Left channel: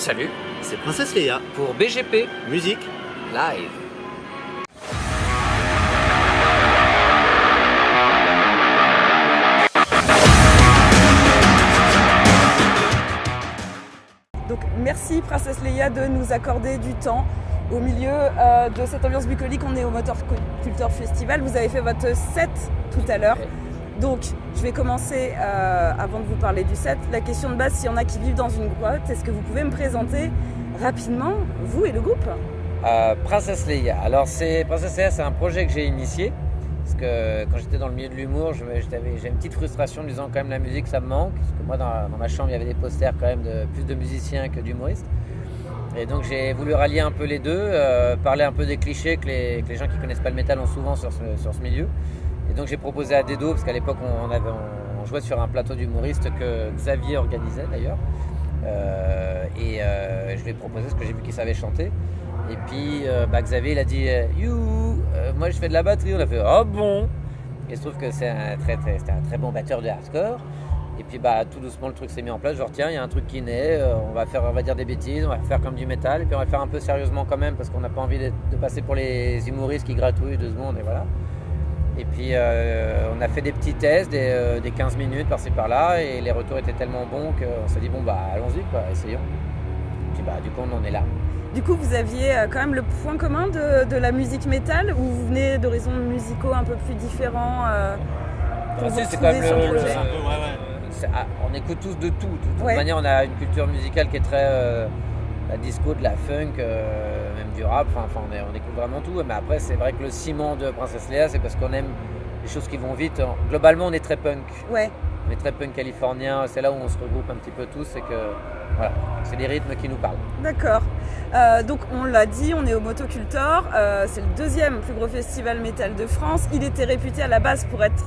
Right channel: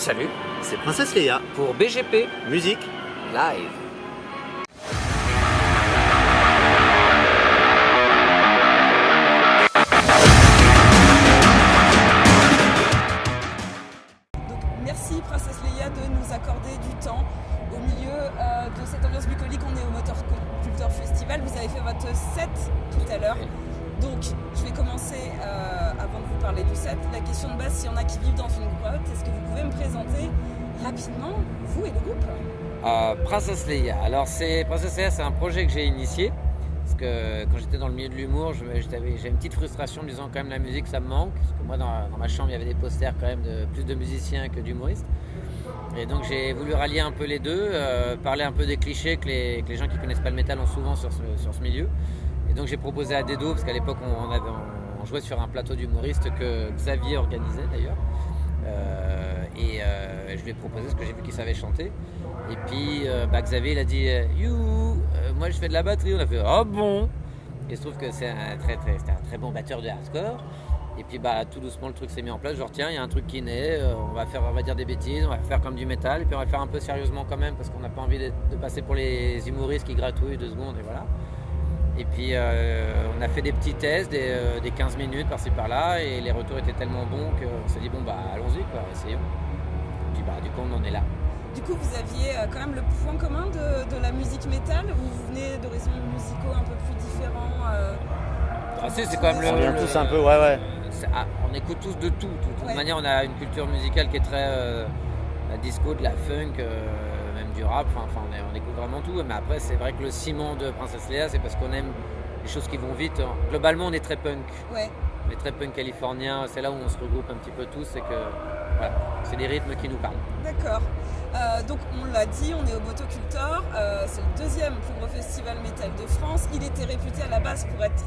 Salut, C'est Princesse Leia, pour BGP musique. Live. Donc merci Princesse Leia de nous accorder du temps au milieu de cette ambiance bucolique. On est au Motor Culture Festival. Vous avez fait votre set tout à l'heure. Donc je vais commencer avant de vous parler du set. La question de base, s'il y en a qui vivent dans une grotte, est-ce que vous pouvez me présenter rapidement vous et le groupe? Princesse Leia. Alors Princesse Leia, c'est un projet que j'ai initié parce que quand j'étais dans le milieu de l'humour, j'ai une petite frustration en me disant quand même la musique ça me manque, parce que moi dans ma chambre il y avait des posters quand même de plus de musiciens que d'humoristes, et donc j'ai voulu rallier un peu les deux, parler un peu des clichés que les gens qui connaissent pas le métal ont souvent sur ce milieu. Et donc j'ai proposé à Dedo, parce qu'à l'époque on jouait sur un plateau d'humoristes que Xavier organisait d'ailleurs, je lui ai proposé ce que j'ai vu qu'il savait chanter. Et puis Xavier il a dit moi je fais de la batterie. On a fait oh bon. Et il se trouve que c'était un très bon batteur de hardcore. Et puis tout doucement le truc s'est mis en place. Genre tiens, il y a un truc qui naît, on va dire des bêtises, on va faire comme du métal, et puis on va le faire un peu sérieusement quand même, parce qu'on n'a pas envie de passer pour les humoristes qui gratouillent 2 secondes, et voilà. Et puis on a fait des petits tests, des 15 minutes par-ci par-là, et les retours étaient tellement bons qu'on s'est dit allons-y quoi, essayons. Et puis du coup on en est là. Du coup, vous aviez quand même le point commun de la musique métal, ou vous venez d'horizons musicaux un peu plus différents C'est quand même Tous un peu, ouais. On écoute tous de tout. De toute Ouais. manière, on a une culture musicale qui est très la disco, de la funk, même du rap. Enfin, on écoute vraiment tout. Mais après, c'est vrai que le ciment de Princesse Leia, c'est parce qu'on aime les choses qui vont vite. Globalement, on est très punk. Ouais. On est très punk californien. C'est là où on se regroupe un petit peu tous. C'est que voilà, c'est des rythmes qui nous parlent. D'accord. Donc on l'a dit, on est au Motocultor, c'est le 2e plus gros festival métal de France. Il était réputé à la base pour être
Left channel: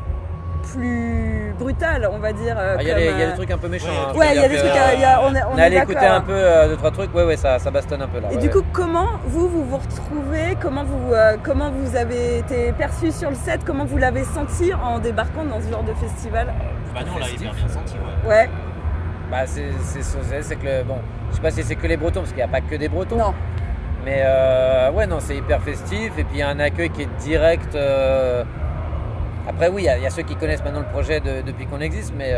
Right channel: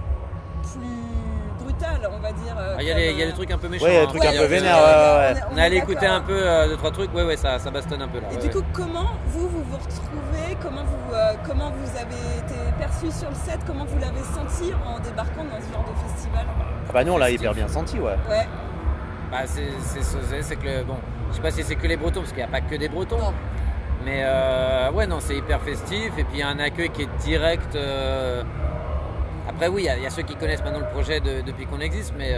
plus brutal, on va dire. Il y a des trucs un peu méchants. Ouais, hein. il y a des trucs un peu On est allé écouter un peu 2-3 trucs. Ouais, ça bastonne un peu là. Et du coup, comment vous retrouvez, comment vous avez été perçu sur le set, comment vous l'avez senti en débarquant dans ce genre de festival? Nous on l'a hyper bien senti, ouais. Ouais. C'est que je sais pas si c'est que les Bretons, parce qu'il n'y a pas que des Bretons. Non. Mais c'est hyper festif, et puis il y a un accueil qui est direct. Après oui, il y a ceux qui connaissent maintenant le projet depuis qu'on existe, mais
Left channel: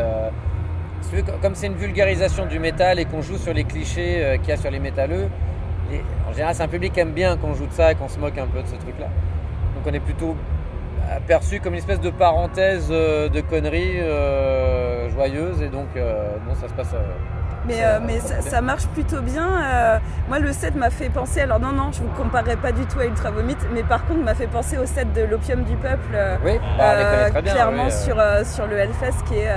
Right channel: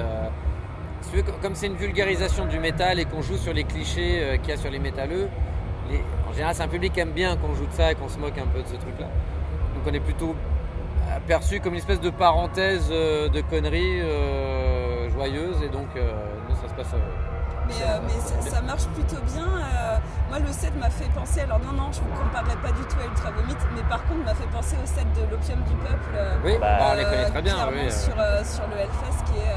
comme c'est une vulgarisation du métal et qu'on joue sur les clichés qu'il y a sur les métalleux, en général c'est un public qui aime bien qu'on joue de ça et qu'on se moque un peu de ce truc-là. Donc on est plutôt perçu comme une espèce de parenthèse de conneries joyeuses, et donc non, ça se passe. Mais ça marche plutôt bien. Moi, le set m'a fait penser, alors non, je vous comparerai pas du tout à Ultra Vomit, mais par contre, m'a fait penser au set de l'Opium du Peuple. Oui, on les connaît très bien. Clairement Oui, sur le Hellfest, qui est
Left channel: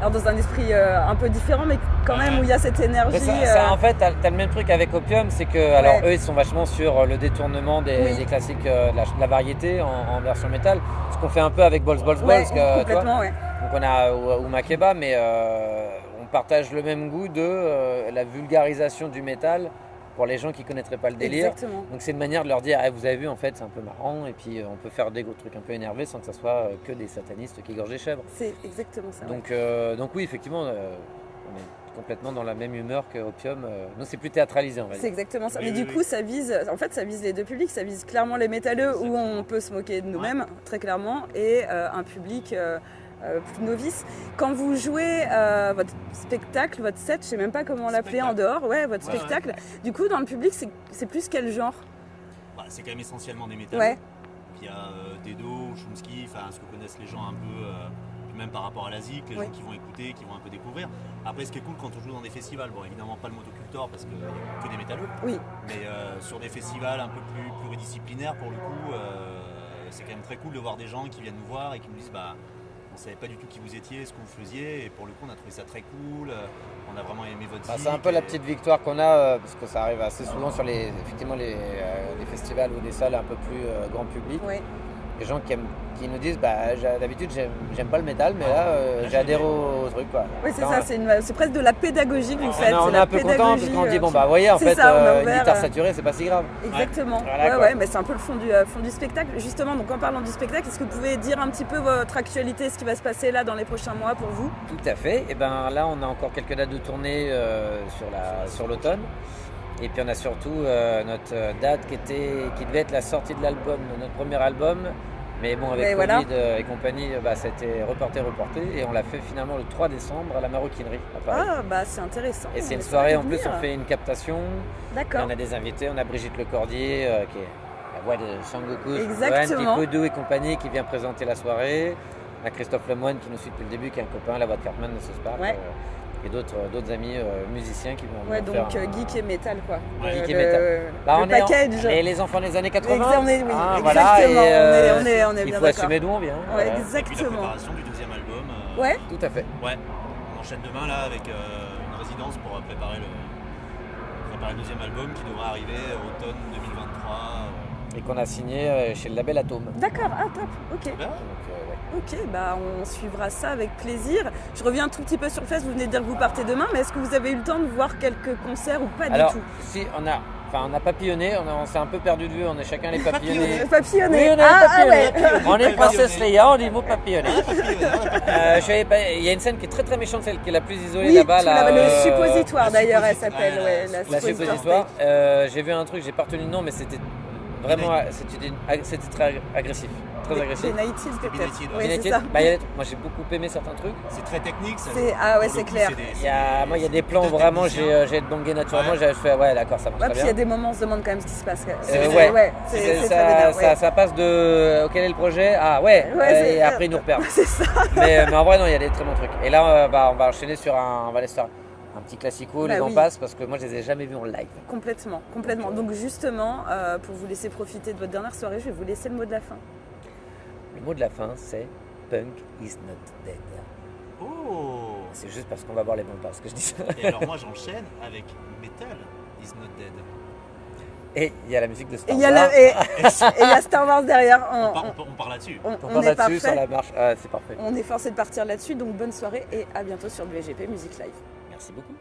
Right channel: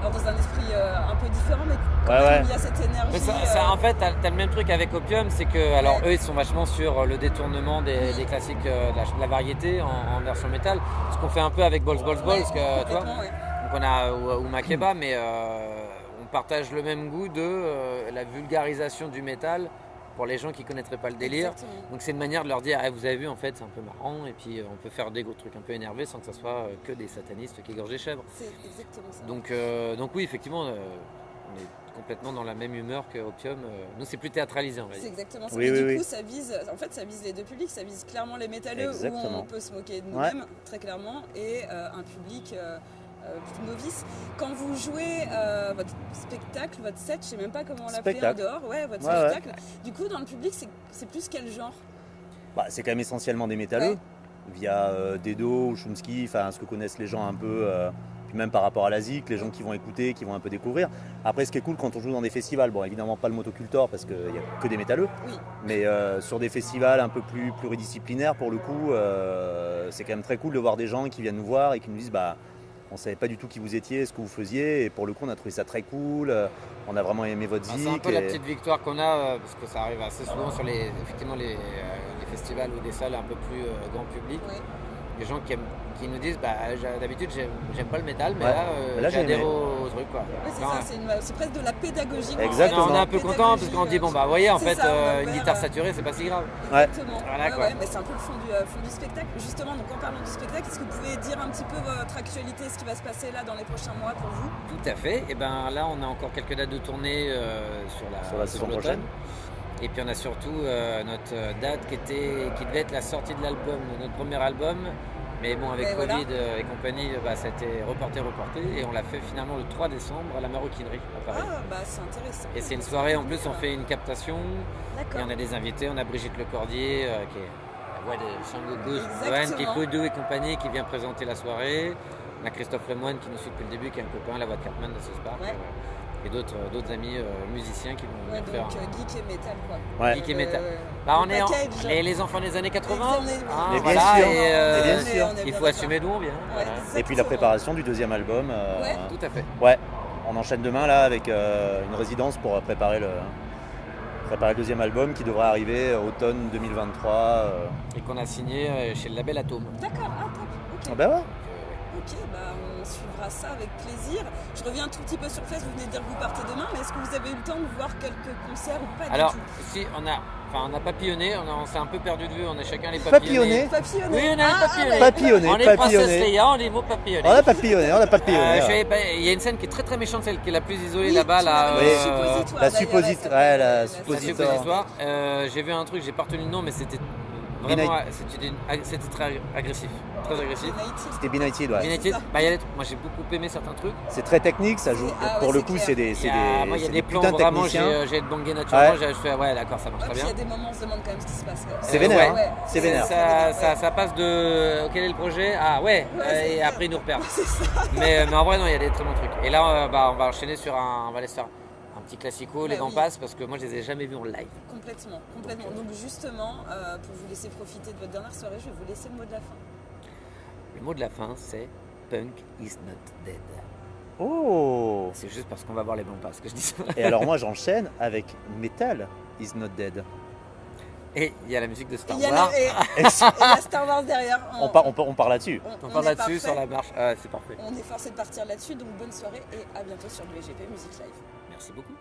alors dans un esprit un peu différent, mais quand même où il y a cette énergie. Mais en fait, t'as le même truc avec Opium, c'est que eux, ils sont vachement sur le détournement des classiques, de la variété en version métal, ce qu'on fait un peu avec Balls, tu vois. Ouais. Donc on a ou Makeba, mais on partage le même goût de la vulgarisation du métal pour les gens qui connaîtraient pas le délire. Exactement. Donc c'est une manière de leur dire vous avez vu, en fait c'est un peu marrant, et puis on peut faire des gros trucs un peu énervés sans que ça soit que des satanistes qui égorgent des chèvres. C'est exactement ça. Donc oui, effectivement, on est complètement dans la même humeur que Opium. Nous c'est plus théâtralisé, on va C'est dire. exactement ça. Oui, Et oui, du coup, ça vise les deux publics. Ça vise clairement les métalleux, où on peut se moquer de nous-mêmes, très clairement, et un public plus novice. Quand vous jouez votre spectacle, votre set, je sais même pas comment l'appeler en dehors, votre spectacle. Ouais. Du coup, dans le public, c'est plus quel genre? C'est quand même essentiellement des métalleux, via Dedo, Chomsky, ce que connaissent les gens un peu, puis même par rapport à la ZIC, les gens qui vont écouter, qui vont un peu découvrir. Après, ce qui est cool quand on joue dans des festivals, évidemment pas le Motocultor parce qu'il n'y a que des métalleux, mais sur des festivals un peu plus pluridisciplinaires, pour le coup, c'est quand même très cool de voir des gens qui viennent nous voir et qui nous disent on savait pas du tout qui vous étiez, ce que vous faisiez, et pour le coup on a trouvé ça très cool, on a vraiment aimé votre zik. C'est un peu la petite victoire qu'on a, parce que ça arrive assez souvent sur les festivals ou des salles un peu plus grand public. Les gens qui nous disent d'habitude j'aime pas le métal, mais Ouais. là, Là, j'ai adhéré j'ai au truc quoi. Oui, c'est Quand, ça, c'est presque de la pédagogie. en fait. Exactement. on est un peu content parce qu'on dit bon bah voyez en c'est fait ça, on a une ouvert, guitare saturée c'est pas si grave. Exactement. Voilà, quoi. Ouais, mais c'est un peu le fond du spectacle. Justement, donc en parlant du spectacle, est-ce que vous pouvez dire un petit peu votre actualité, ce qui va se passer là dans les prochains mois pour vous? Tout à fait. Et ben là on a encore quelques dates de tournée sur l'automne. prochaine. Et puis on a surtout notre date qui devait être la sortie de l'album, de notre premier album. Mais bon, avec Et Covid voilà. et compagnie, ça a été reporté. Et on l'a fait finalement le 3 décembre à la Maroquinerie à Paris. Ah, bah c'est intéressant. Et c'est une soirée, en plus, on fait une captation. Et D'accord. on a des invités. On a Brigitte Lecordier, qui est la voix de Sangoku, Exactement. Tipodou et compagnie, qui vient présenter la soirée. On a Christophe Lemoine qui nous suit depuis le début, qui est un copain, la voix de Cartman de South Park. Ouais. Et d'autres amis musiciens qui vont Ouais, venir donc faire geek et métal quoi. Ouais. Geek et métal. On est les enfants des années 80. Oui, Hein, oui, voilà, bien sûr, et on est il bien faut assumer d'où on vient. Ouais, Voilà. Et puis la préparation du deuxième album. Ouais. Tout à fait. Ouais, on enchaîne demain là avec une résidence pour préparer le deuxième album qui devrait arriver automne 2023. Et qu'on a signé chez le label Atome. D'accord, ah top, ok. Ah bah ouais. Donc, ouais. Ok, bah on suivra ça avec plaisir. Je reviens un tout petit peu sur Fest, vous venez de dire que vous partez demain, mais est-ce que vous avez eu le temps de voir quelques concerts ou pas Alors, du tout? si on a papillonné, on s'est un peu perdu de vue, on est chacun les papillonnés. Papillonné. Oui, on a papillonné. Papillonné, On est Princesse papillonné. Leia, on dit le mot papillonné. On a papillonné. Il y a une scène qui est très très méchante, celle qui est la plus isolée Oui, là-bas. tu l'avais Là, dit, suppositoire la d'ailleurs. elle suppositoire, s'appelle, ouais, la la suppositoire. J'ai vu un truc, j'ai pas retenu le nom, mais c'était vraiment, c'était très agressif. Très agressif. C'était Benighted, ouais. Oui, United, c'est ça. moi j'ai beaucoup aimé certains trucs. C'est très technique, ça joue. Ah ouais, Pour le c'est coup, clair. c'est des. Moi il y a des plans putains de vraiment, techniciens. j'ai bangé naturellement, Ouais. j'ai fait ouais d'accord ça marche Ouais, très puis il y bien. a des moments, on se demande quand même ce qui se passe. C'est vénère, ouais. hein. C'est vénère. Ça passe de quel est le projet? Ah ouais, Ouais, et après ils nous repèrent. C'est ça. mais en vrai non, il y a des très bons trucs. Et là on va enchaîner sur on va aller se faire un petit classico, les Bah grands oui. passes, parce que moi je les ai jamais vus en live. Complètement. Donc justement, pour vous laisser profiter de votre dernière soirée, je vais vous laisser le mot de la fin. Le mot de la fin c'est Punk is not dead. Oh. C'est juste parce qu'on va voir les bons passes que je dis ça. Et alors moi j'enchaîne avec Metal is not dead. Et il y a la musique de Star Il y a Wars. et la Star Wars derrière. On part là-dessus. On est parle là-dessus parfait. sur la marche. C'est parfait. On est forcé de partir là-dessus, donc bonne soirée et à bientôt sur le VGP Music Live. Merci beaucoup.